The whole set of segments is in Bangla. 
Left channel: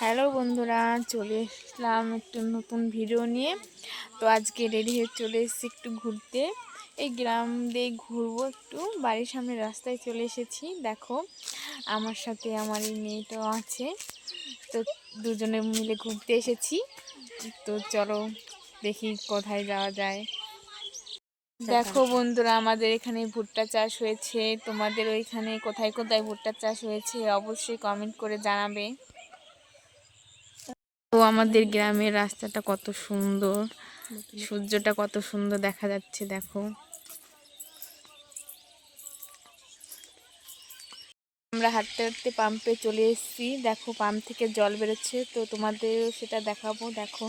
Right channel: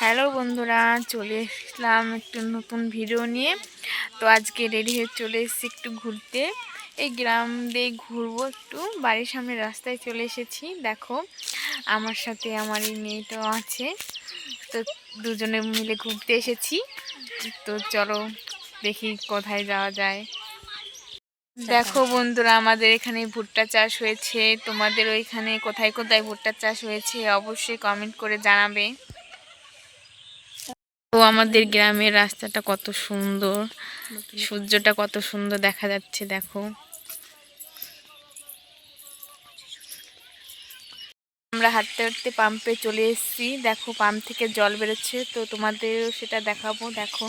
হ্যালো বন্ধুরা, চলে এসলাম একটু নতুন ভিডিও নিয়ে। তো আজকে রেডি হয়ে চলে এসেছি একটু ঘুরতে। এই গ্রাম দিয়ে ঘুরবো একটু। বাড়ির সামনে রাস্তায় চলে এসেছি। দেখো, আমার সাথে আমার এই মেয়েটাও আছে। তো দুজনে মিলে ঘুরতে এসেছি। তো চলো দেখি কোথায় যাওয়া যায়। দেখো বন্ধুরা, আমাদের এখানে ভুট্টা চাষ হয়েছে। তোমাদের ওইখানে কোথায় কোথায় ভুট্টা চাষ হয়েছে অবশ্যই কমেন্ট করে জানাবে। তো আমাদের গ্রামের রাস্তাটা কত সুন্দর। সূর্যটা কত সুন্দর দেখা যাচ্ছে, দেখো। আমরা হাঁটতে হাঁটতে পাম্পে চলে এসেছি। দেখো পাম্প থেকে জল বেরোচ্ছে, তো তোমাদের সেটা দেখাবো, দেখো।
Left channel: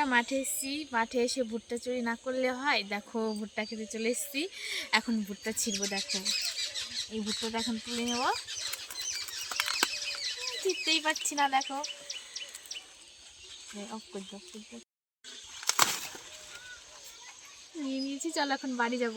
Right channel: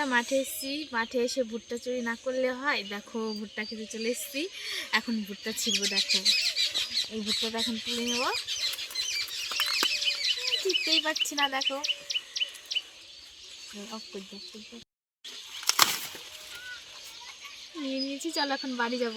বন্ধুরা মাঠে এসেছি। মাঠে এসে ভুট্টা চুরি না করলে হয়। দেখো, ভুট্টা খেতে চলে এসেছি। এখন ভুট্টা ছিঁড়বো, দেখো। এই ভুট্টাটা এখন তুলে নেব। ছিটতেই পারছি না, দেখো। নিয়ে নিয়েছি, চলো এখন বাড়ি যাব।